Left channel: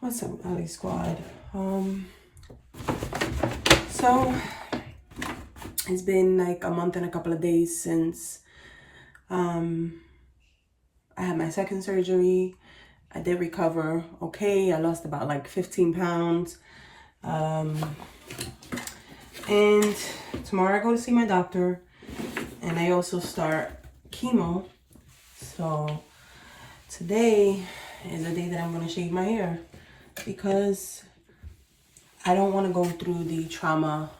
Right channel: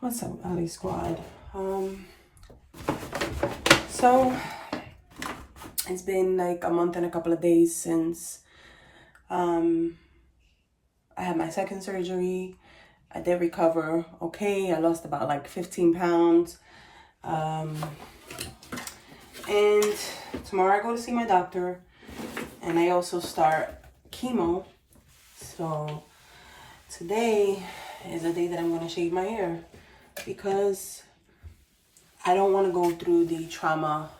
What's up, Ali Squad? So it's been like a month and a couple of days since I had my second surgery. I did recover okay. I lost about like 15 pounds. And tomorrow I go to see my doctor, and I also start chemo. So today is the day that I'm gonna shave my hair because I don't want to go through the trauma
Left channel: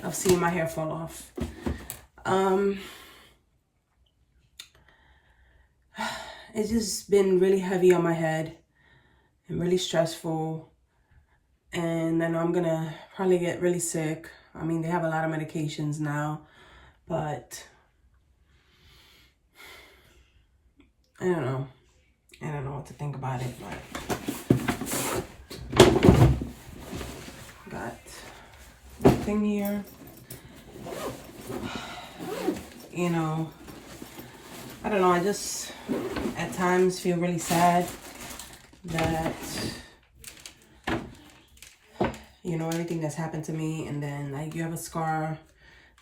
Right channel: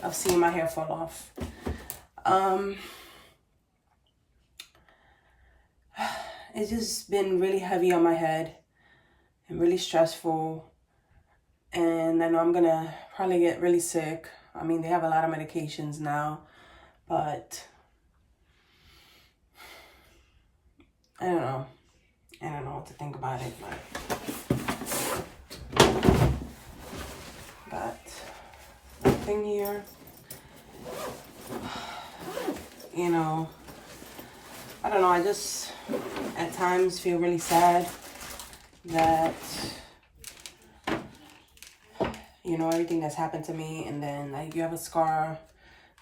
of seeing my hair fall off. It's just been really heavy on my head and really stressful. And I know I'm gonna probably get really sick. I mean, they have a lot of medications now, but I don't know. I don't know what to think about it, but got the thing here. You know, I don't know, I just at times feel really sad that, you know, everything that's happened to me, and then like you have a scar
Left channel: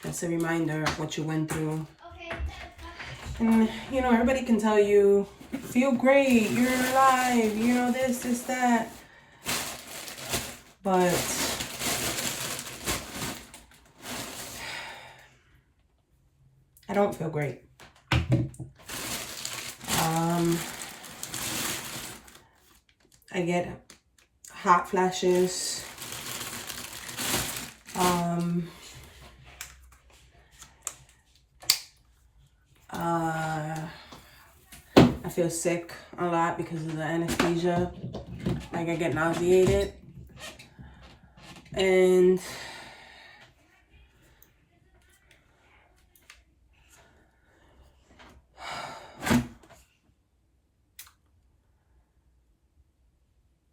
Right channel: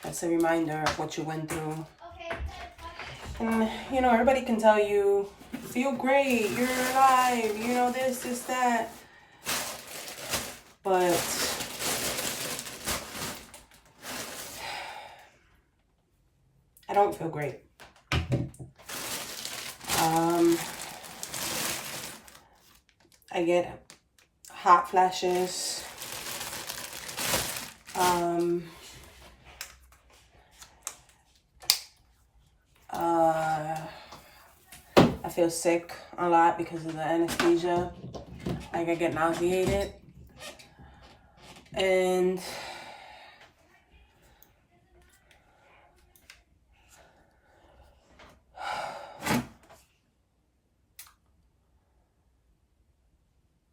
that's a reminder of what you went through. And you know, everybody can tell you, feel great, you're alive, you know, this, that. But I don't feel great. I get hot flashes. I feel sick a lot because of the anesthesia. Like I get nauseated. And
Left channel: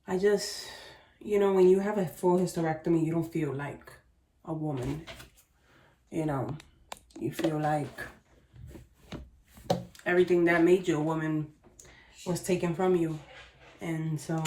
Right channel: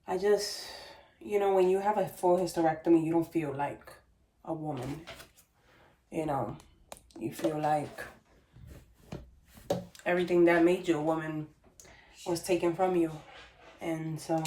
I just, you know, when you have a full hysterectomy, you don't feel like a woman. You know, you feel like everything that made you a woman was taken from you. And so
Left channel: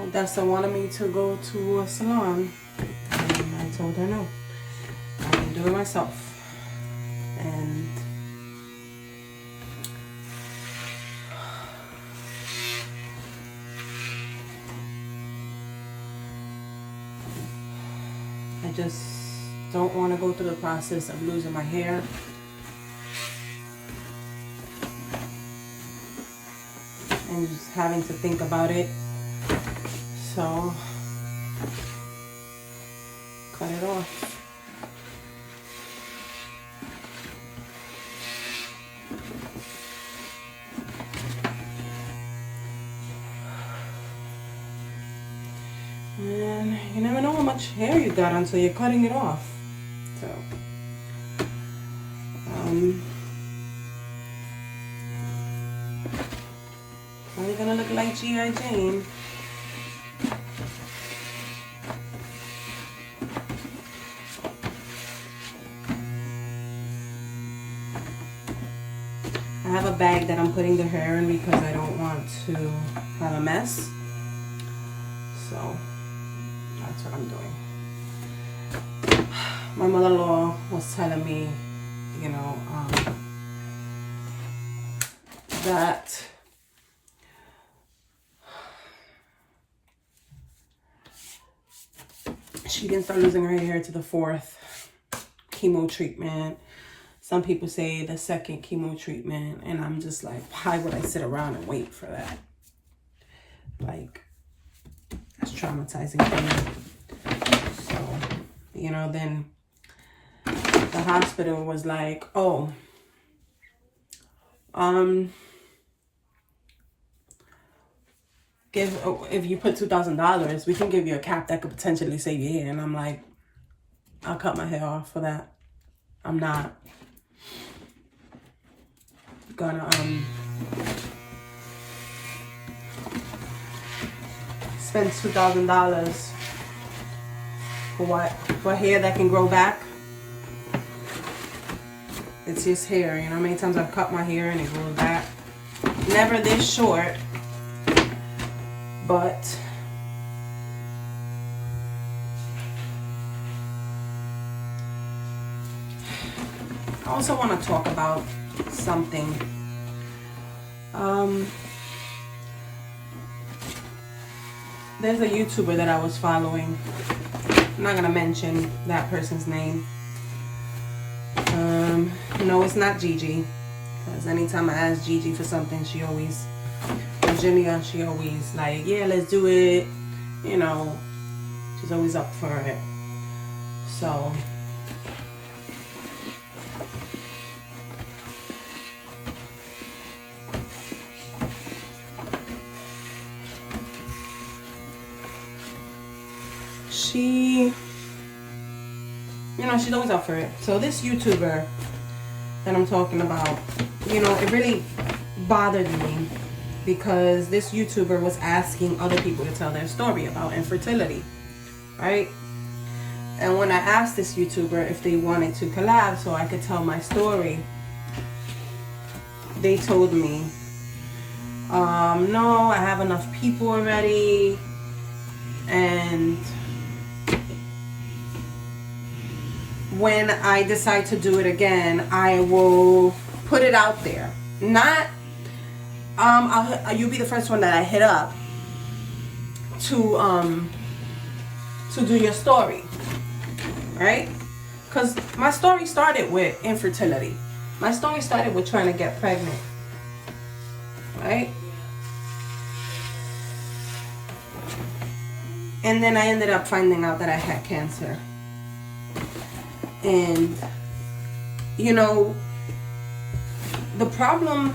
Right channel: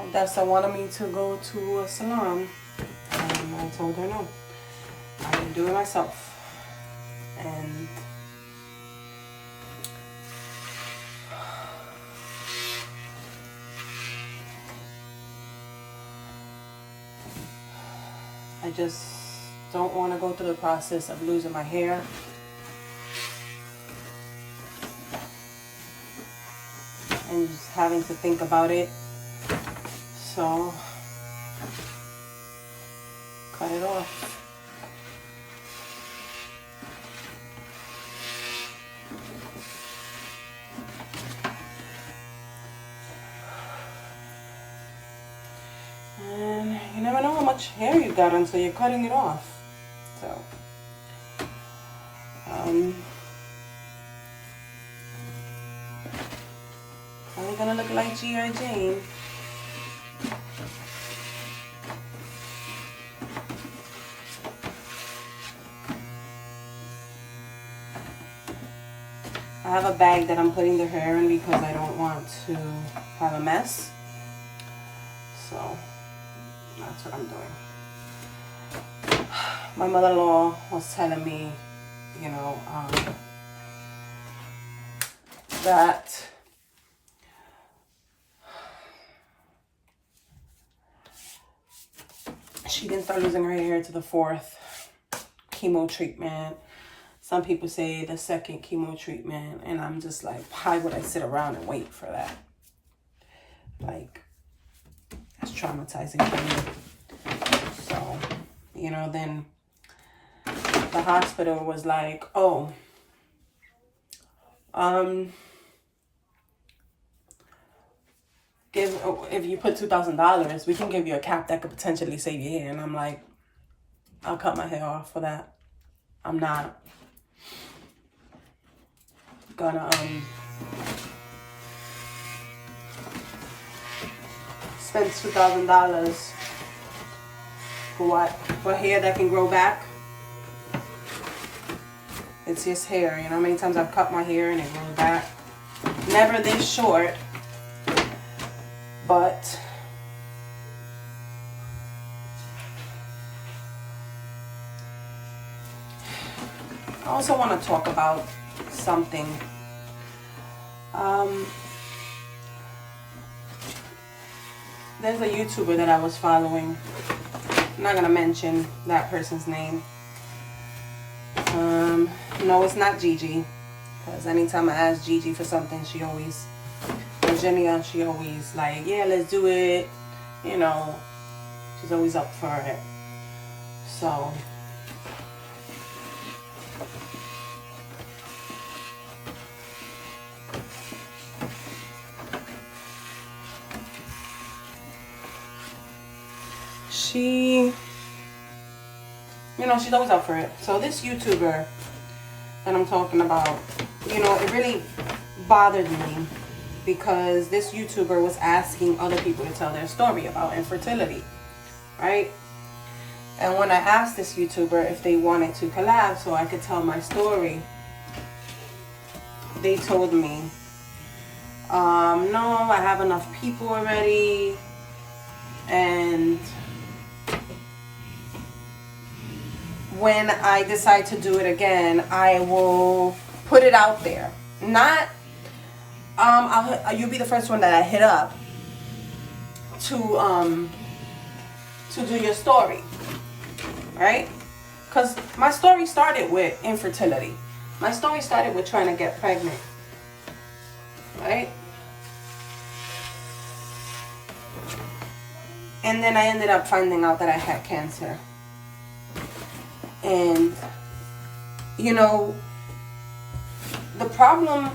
Odessa wanted me to go to a salon, and I told her no. I'm gonna do it myself. And I just don't want to go through the process of losing my hair. And just having to think about it. So, cut it off. And you never know how much hair you got until you're cutting it off. So, probably gonna look like G.I. Jane. I have a bag that I'm putting the hair in because I don't want to have a mess. So that's what I'm doing. My mother-in-law was telling me, you know, that she didn't start losing her hair to the 4th chemo treatment. Some people say the 2nd chemo treatment, and I'm just like, why would I sit around and wait for that? Like, that's traumatizing for me. So, you know, then the hospital was like, oh, if you put $2,000, we can give you a cap that could potentially save your hair. And I'm like, I'll cut my hair off for that. I'm not gonna spend $2,000 for what? For hair that can grow back. It's just hair. You know how many times I've cut my hair and it grows back? Never this short, but I also want to talk about something. There's a YouTuber that I was following. I'm not gonna mention that person's name. No, it's not Gigi, because anytime I ask Gigi for something, she always, Virginia, she always like, yeah, let's do it. You know, she's always up for it. So she, you know, she's always up for it. So this YouTuber that I'm talking about, you know, it really bothered me because this YouTuber was asking other people to tell their story about infertility, right? And when I asked this YouTuber if they wanted to collab so I could tell my story, they told me, no, I have enough people already, and when I decide to do it again, I will put it out there. Not, you'll be the first one that I hit up to do your story, right? Because my story started with infertility. My story started with trying to get pregnant, right? And then I ended up finding out that I had cancer. And, you know, the problem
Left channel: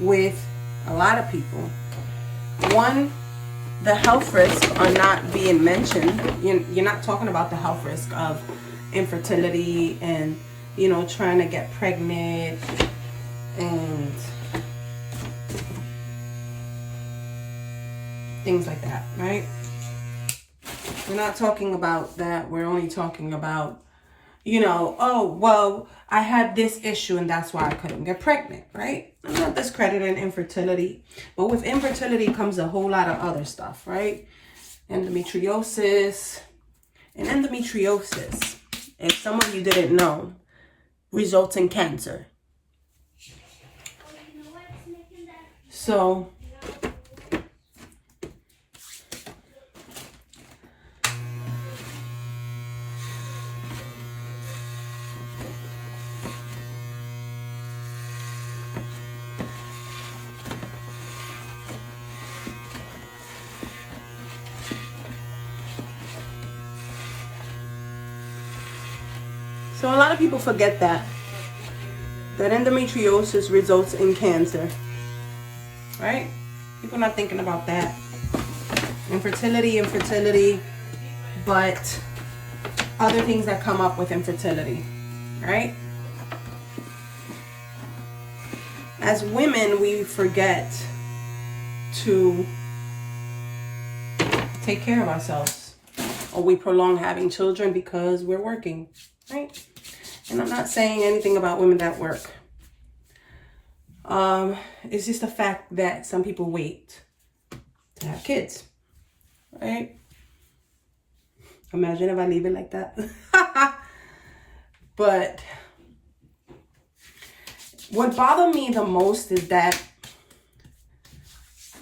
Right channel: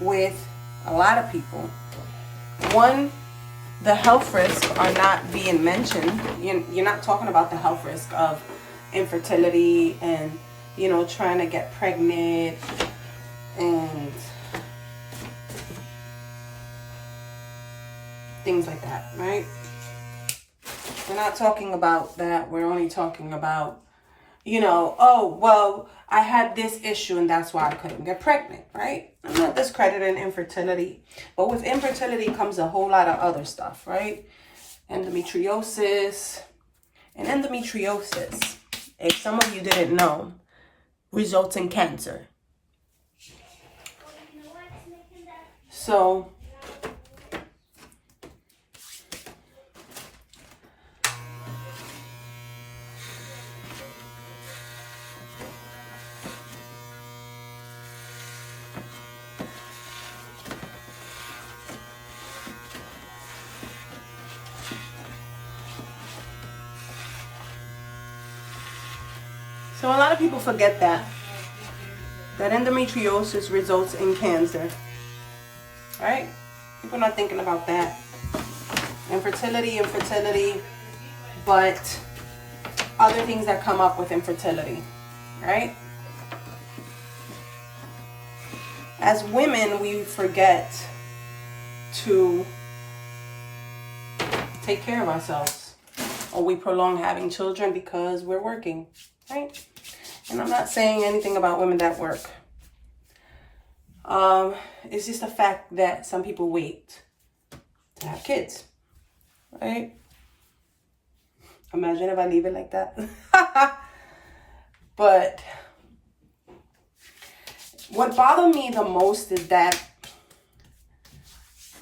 with a lot of people, one, the health risks are not being mentioned. You're not talking about the health risk of infertility and, you know, trying to get pregnant and things like that, right? We're not talking about that. We're only talking about, you know, oh, well, I had this issue and that's why I couldn't get pregnant, right? I'm not discrediting infertility, but with infertility comes a whole lot of other stuff, right? Endometriosis. And endometriosis, if some of you didn't know, results in cancer. So a lot of people forget that endometriosis results in cancer, right? People not thinking about that. Infertility, but other things that come up with infertility, right? As women, we forget to take care of ourselves, or we prolong having children because we're working, right? And I'm not saying anything about women that work. It's just the fact that some people wait to have kids, right? Imagine if I leave it like that. But what bothered me the most is that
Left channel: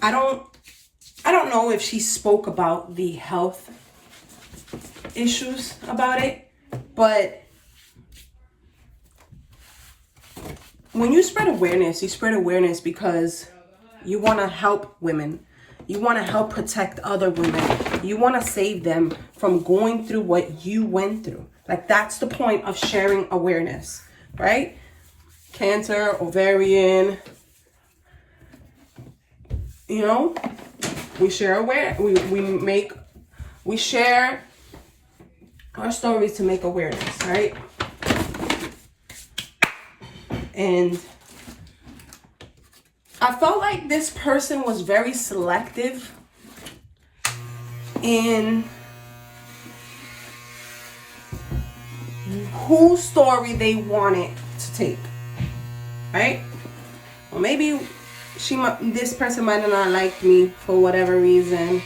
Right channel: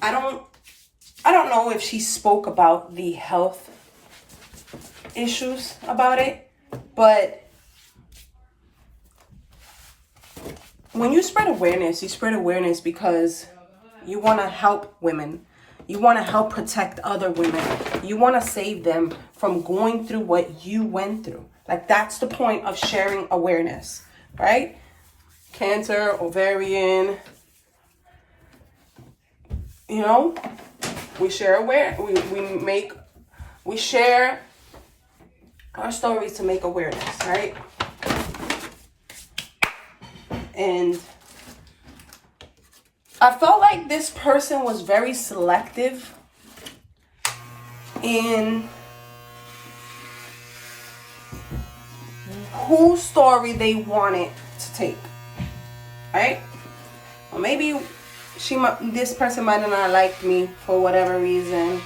I don't know if she spoke about the health issues about it, but when you spread awareness, you spread awareness because you want to help women. You want to help protect other women. You want to save them from going through what you went through. Like, that's the point of sharing awareness, right? Cancer, ovarian, you know, we share we share our stories to make awareness, right? And I felt like this person was very selective in whose story they wanted to take, right? Or maybe this person might have not liked me for whatever reason.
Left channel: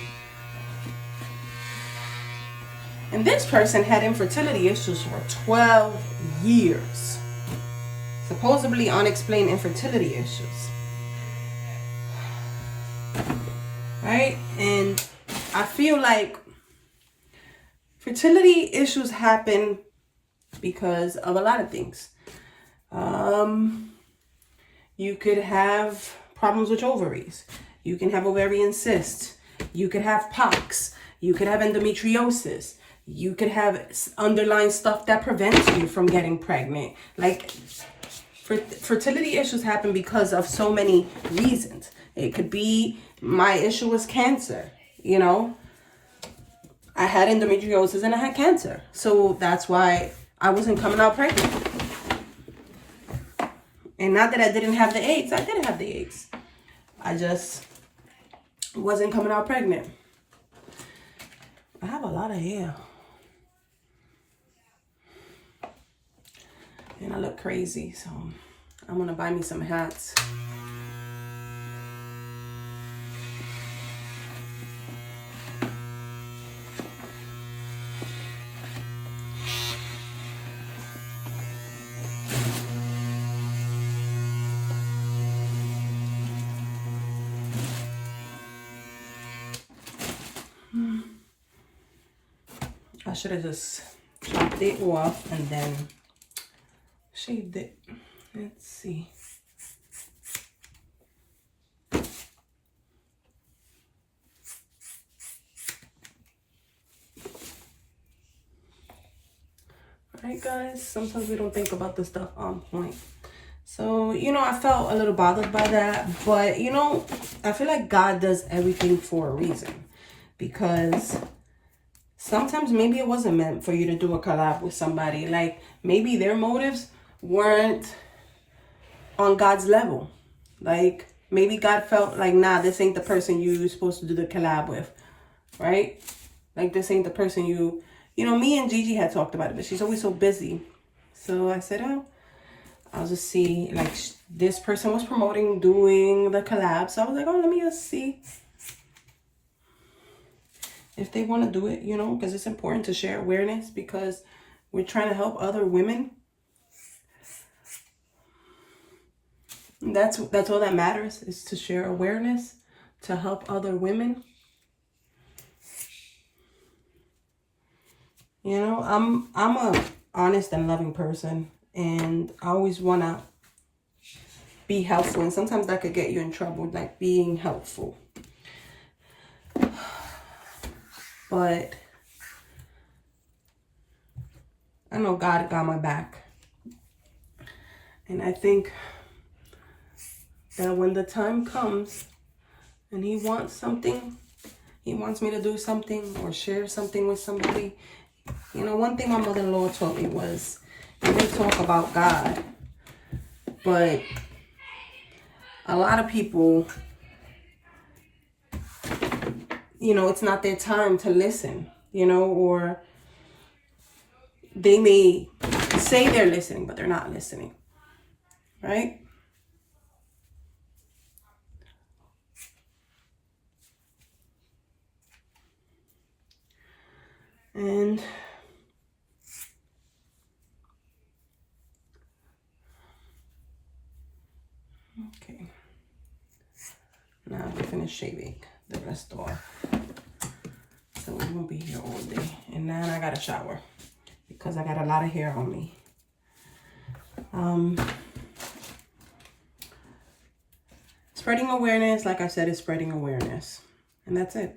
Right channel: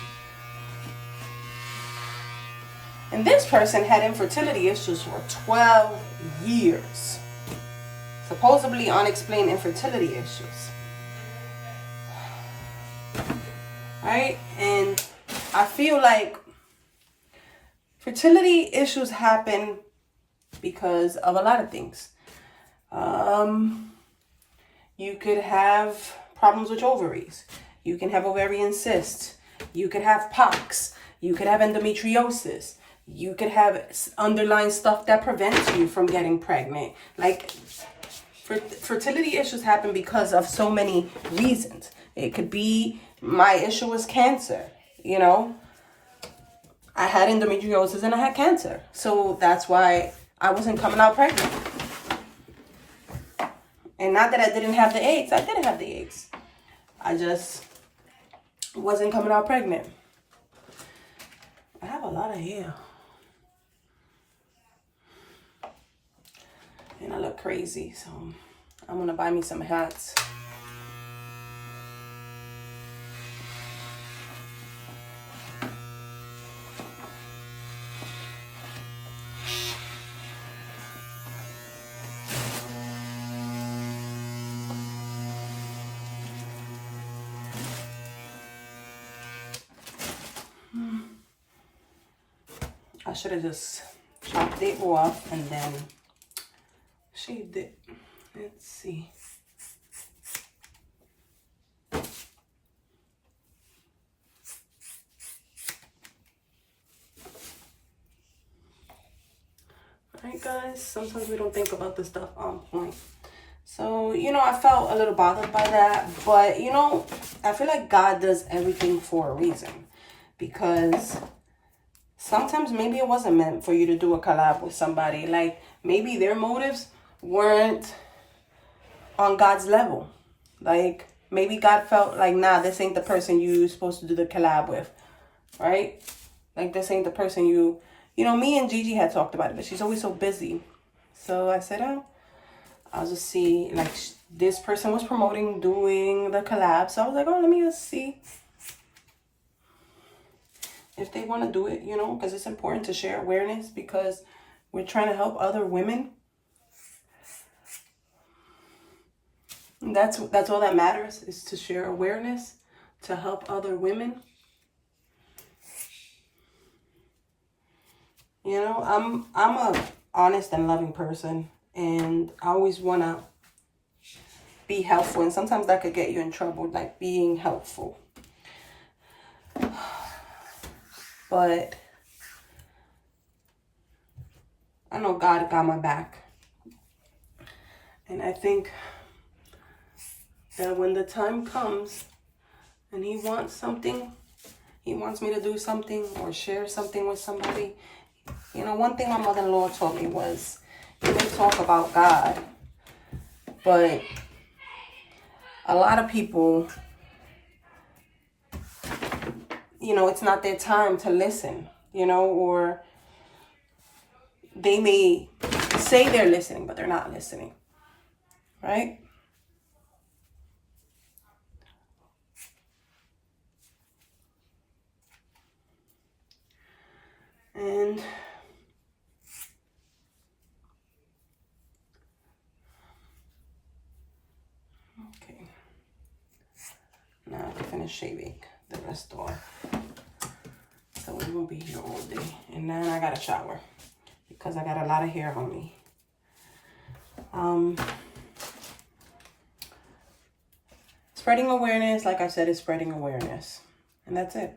And this person had infertility issues for 12 years. Supposedly unexplained infertility issues. Right? And I feel like fertility issues happen because of a lot of things. You could have problems with ovaries. You can have ovarian cysts. You could have pox. You could have endometriosis. You could have underlying stuff that prevents you from getting pregnant. Like, fertility issues happen because of so many reasons. It could be my issue was cancer, you know. I had endometriosis and I had cancer. So that's why I wasn't coming out pregnant. And not that I didn't have the eggs. I did have the eggs. I just wasn't coming out pregnant. I have a lot of hair. And I look crazy. So I'm going to buy me some hats. I should have just chopped it off and then shaved it. Let's see. Alright guys, sometimes we don't think about the stuff on point. So, you know, I felt a little bothered by that. But, you know, I feel like God does everything for a reason. Because sometimes maybe it wasn't meant for you to do a collab with somebody. Like, maybe their motives weren't on God's level. Like, maybe God felt like, nah, this ain't the person you're supposed to do the collab with. Right? Like, this ain't the person you know, me and Gigi had talked about it, but she's always so busy. So I said, oh, I'll just see. Like, this person was promoting doing the collab. So I was like, oh, let me just see if they want to do it, you know, because it's important to share awareness because we're trying to help other women. And that's all that matters, is to share awareness, to help other women. You know, I'm a honest and loving person, and I always want to be helpful, and sometimes that could get you in trouble, like being helpful. But I know God got my back. And I think that when the time comes and he wants something, he wants me to do something or share something with somebody. You know, one thing my mother-in-law taught me was, you may talk about God, but a lot of people, you know, it's not their time to listen, you know, or they may say they're listening, but they're not listening, right? And okay, now I can finish shaving the rest off, so we won't be here all day. And then I got a shower because I got a lot of hair on me. Spreading awareness, like I said, is spreading awareness, and that's it.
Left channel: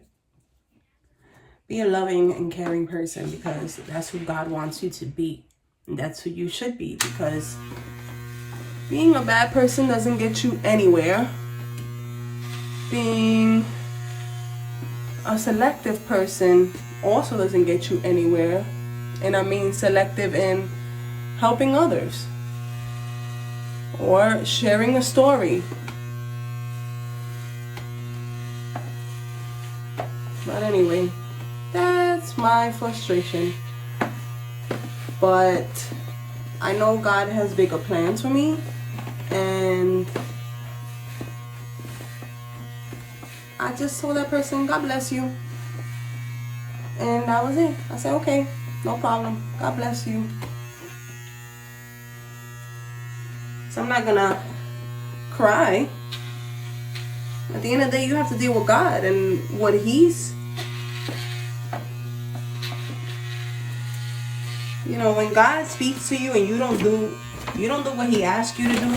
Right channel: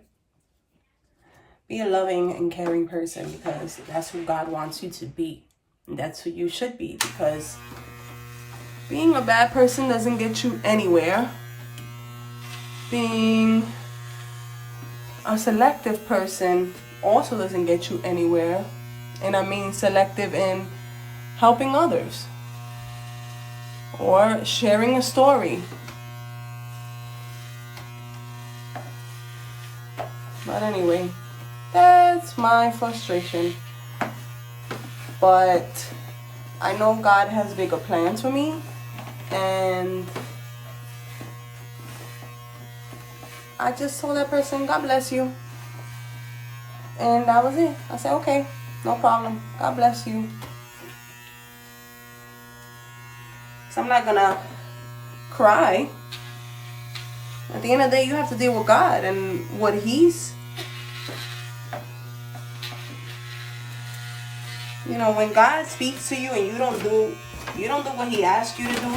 Be a loving and caring person, because that's who God wants you to be. And that's who you should be, because being a bad person doesn't get you anywhere. Being a selective person also doesn't get you anywhere. And I mean selective in helping others or sharing a story. But anyway, that's my frustration. But I know God has bigger plans for me, and I just told that person, God bless you. And that was it. I said, okay, no problem. God bless you. So I'm not gonna cry. At the end of the day, you have to deal with God and what He's, you know, when God speaks to you and you don't do what He asks you to do,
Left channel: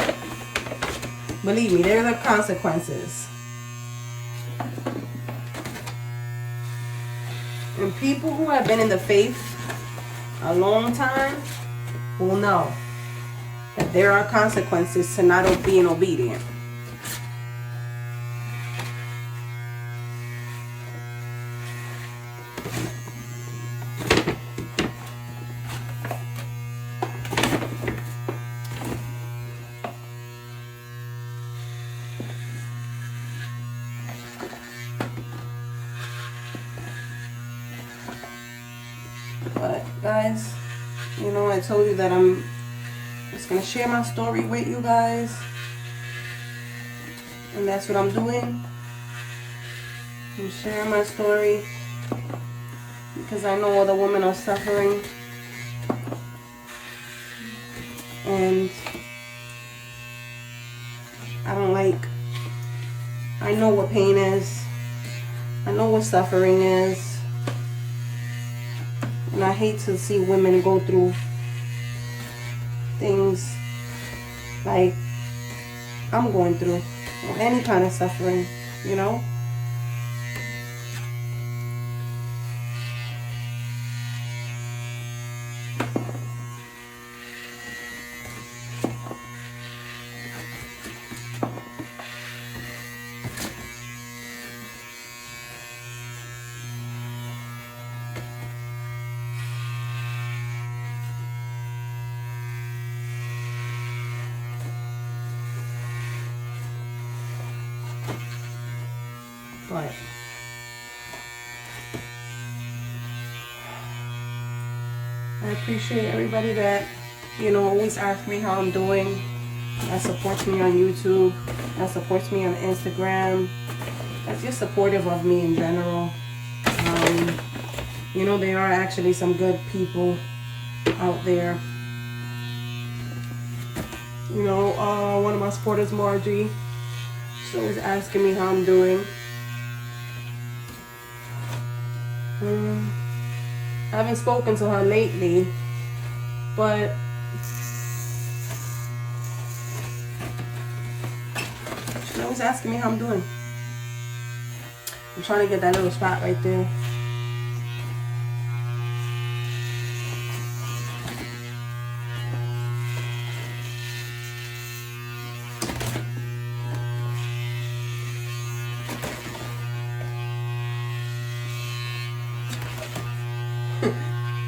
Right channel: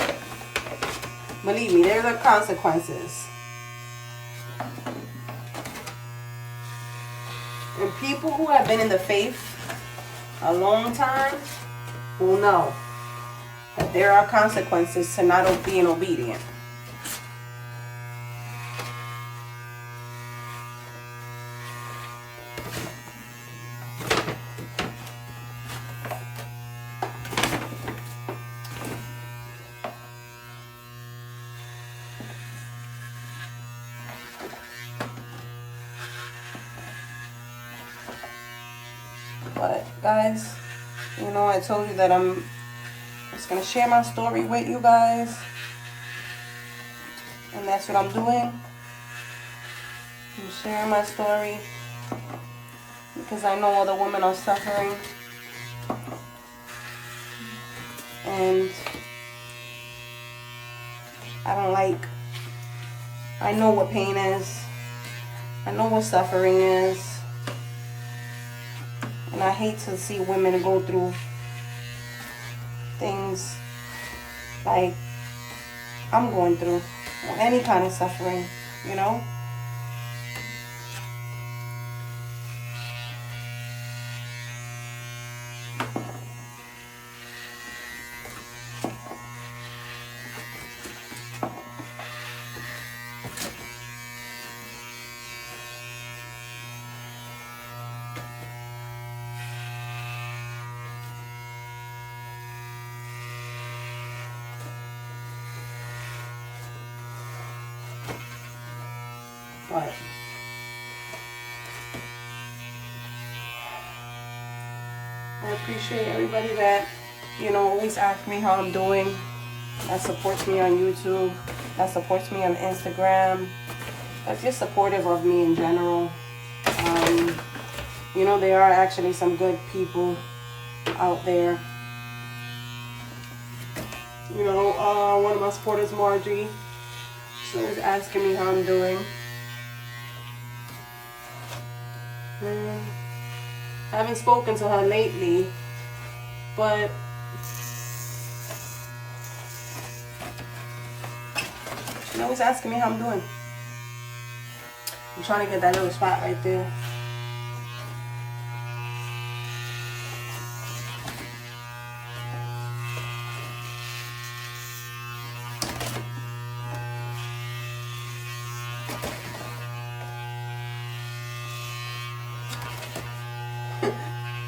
believe me, there are consequences. And people who have been in the faith a long time will know that there are consequences to not being obedient. But guys, you know, I told you that I'm just gonna share my story with you guys, and that's what I'm doing. I'm sharing my story because I know other women are suffering, and I know what pain is, I know what suffering is. And I hate to see women go through things like I'm going through, or any kind of suffering, you know? But I appreciate everybody that, you know, always asks me how I'm doing, that supports me on YouTube, that supports me on Instagram, that's just supportive of me in general. You know, there are actually some good people out there. You know, one of my supporters, Margie, she was asking me how I'm doing. I haven't spoken to her lately, but she's always asking me how I'm doing. I'm trying to get that little spot right there.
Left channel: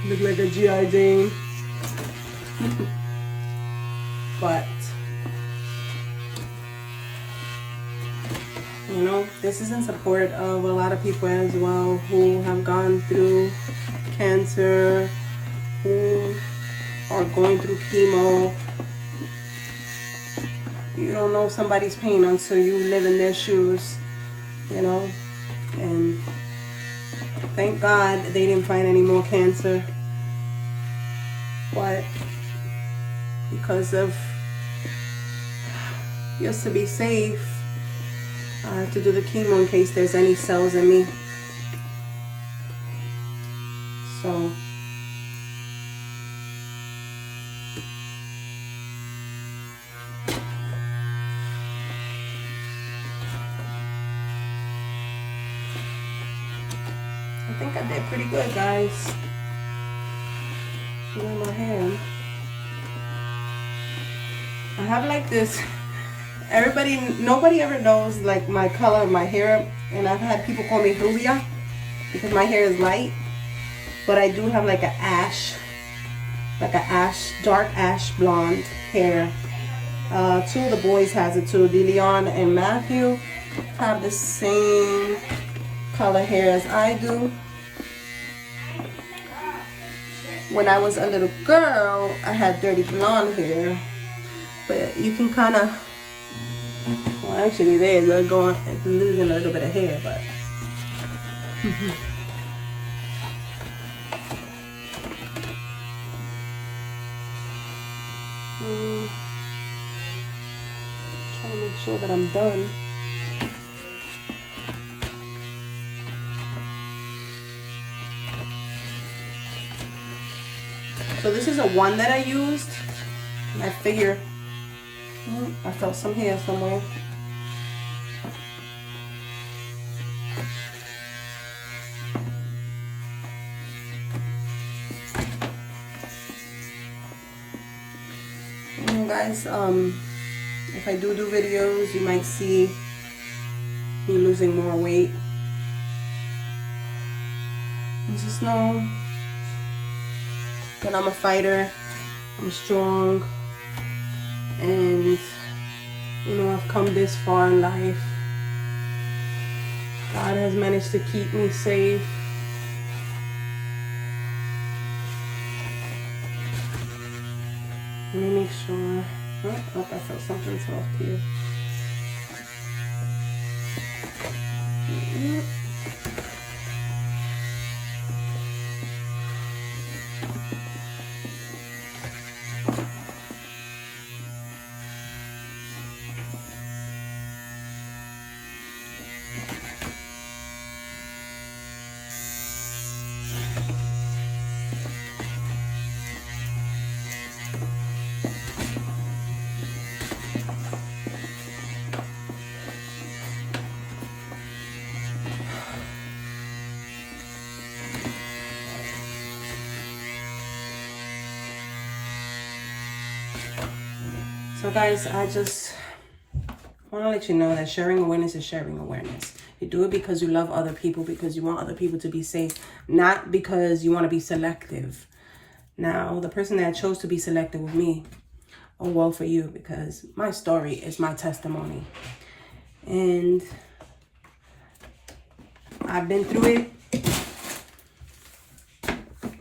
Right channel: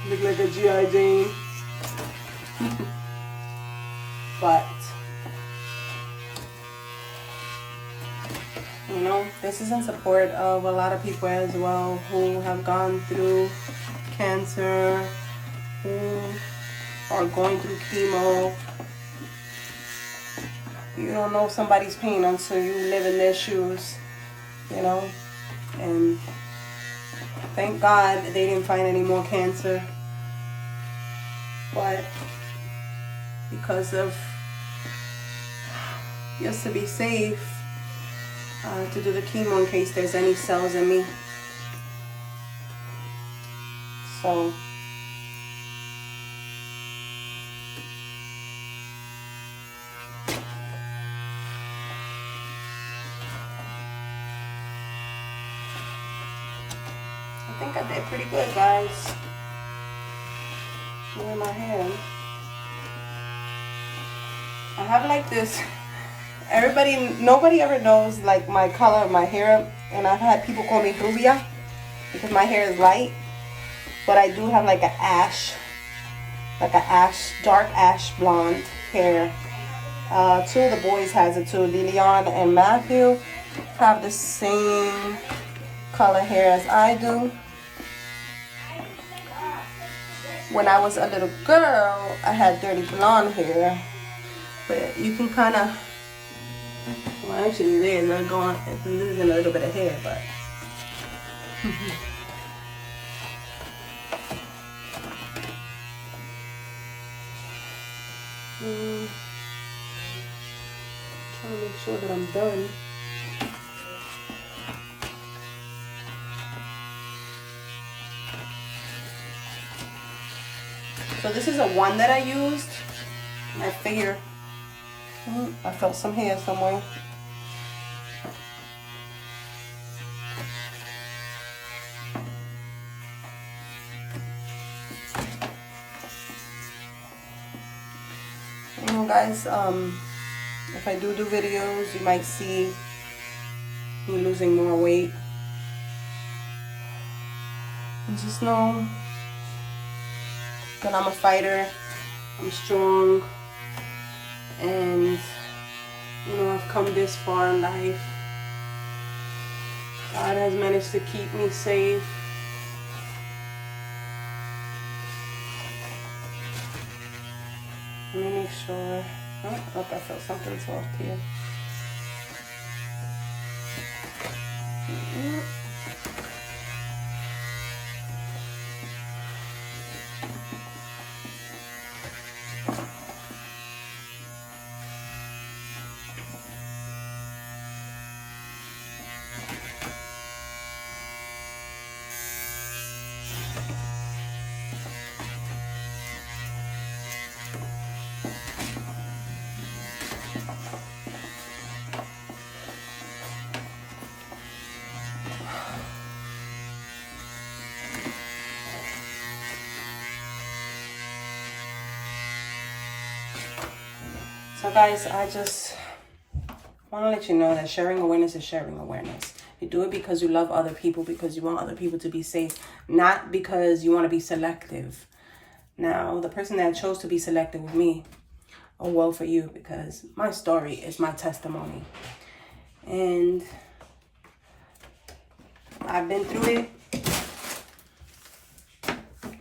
Look like a G.I. Jane. But, you know, this is in support of a lot of people as well who have gone through cancer, who are going through chemo. You don't know somebody's pain until you live in their shoes, you know. And thank God they didn't find any more cancer. But because of, just to be safe, to do the chemo in case there's any cells in me. So I think I did pretty good, guys. Look at my hand. I have like this, nobody ever knows like my color of my hair, and I've had people call me rubia because my hair is light, but I do have like dark ash blonde hair. Two of the boys has it too. DeLeon and Matthew have the same color hair as I do. When I was a little girl, I had dirty blonde hair, but you can kind of, well, actually they're going, it's losing a little bit of hair, but trying to make sure that I'm done. So this is a one that I used. I figure I felt some hair somewhere. You know, guys, if I do videos, you might see me losing more weight. And just know that I'm a fighter, I'm strong, and you know, I've come this far in life. God has managed to keep me safe. Let me make sure. Oh, I felt something soft here. So guys, I just want to let you know that sharing awareness is sharing awareness. You do it because you love other people, because you want other people to be safe, not because you want to be selective. Now, the person that chose to be selective with me, oh well for you, because my story is my testimony. And I've been through it.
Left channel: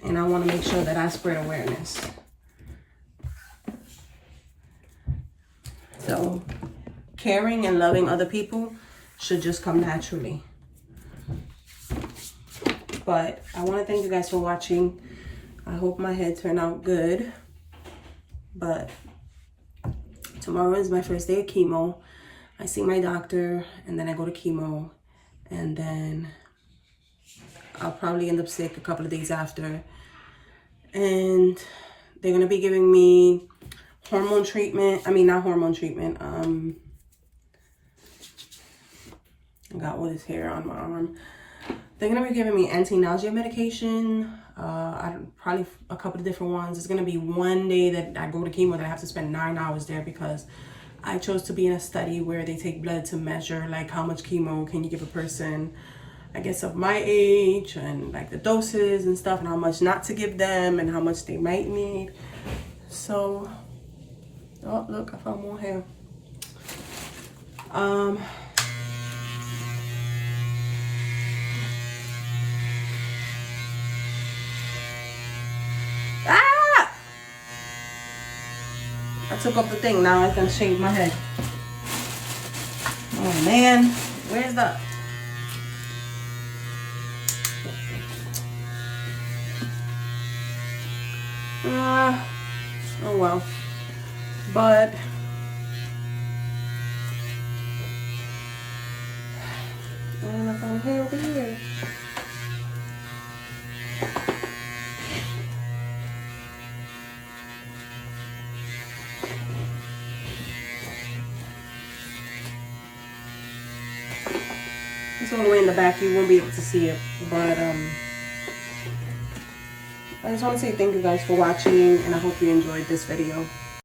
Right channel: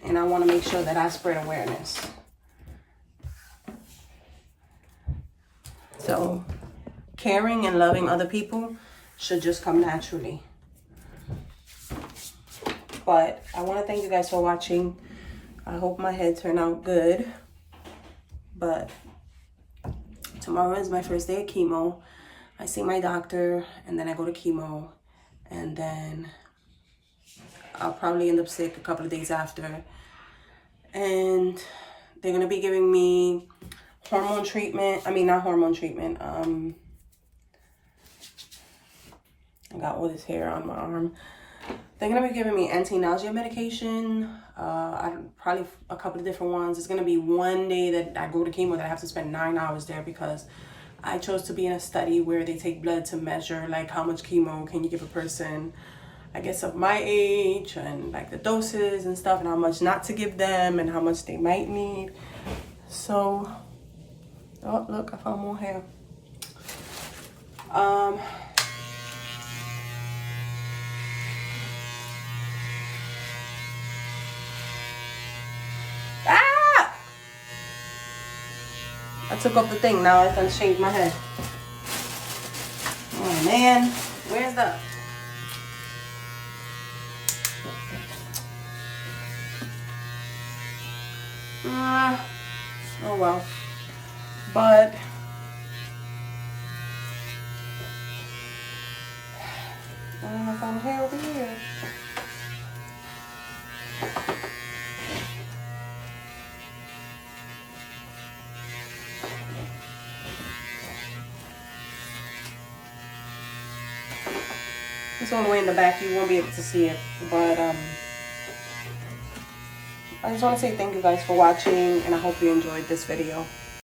And I want to make sure that I spread awareness. So, caring and loving other people should just come naturally. But I want to thank you guys for watching. I hope my head turned out good. But tomorrow is my first day of chemo. I see my doctor, and then I go to chemo. And then I'll probably end up sick a couple of days after. And they're going to be giving me hormone treatment. I mean, not hormone treatment. I got all this hair on my arm. They're going to be giving me anti-nausea medication. Probably a couple of different ones. It's going to be one day that I go to chemo that I have to spend 9 hours there, because I chose to be in a study where they take blood to measure like how much chemo can you give a person, I guess, of my age, and like the doses and stuff, and how much not to give them, and how much they might need. So, oh look, I found more hair. I took off the thing, now I can shave my head. Oh man, where's the... oh well. But I found hair over here. It's all the way in the back. You won't be able to see it, but I just want to say thank you guys for watching, and I hope you enjoyed this video.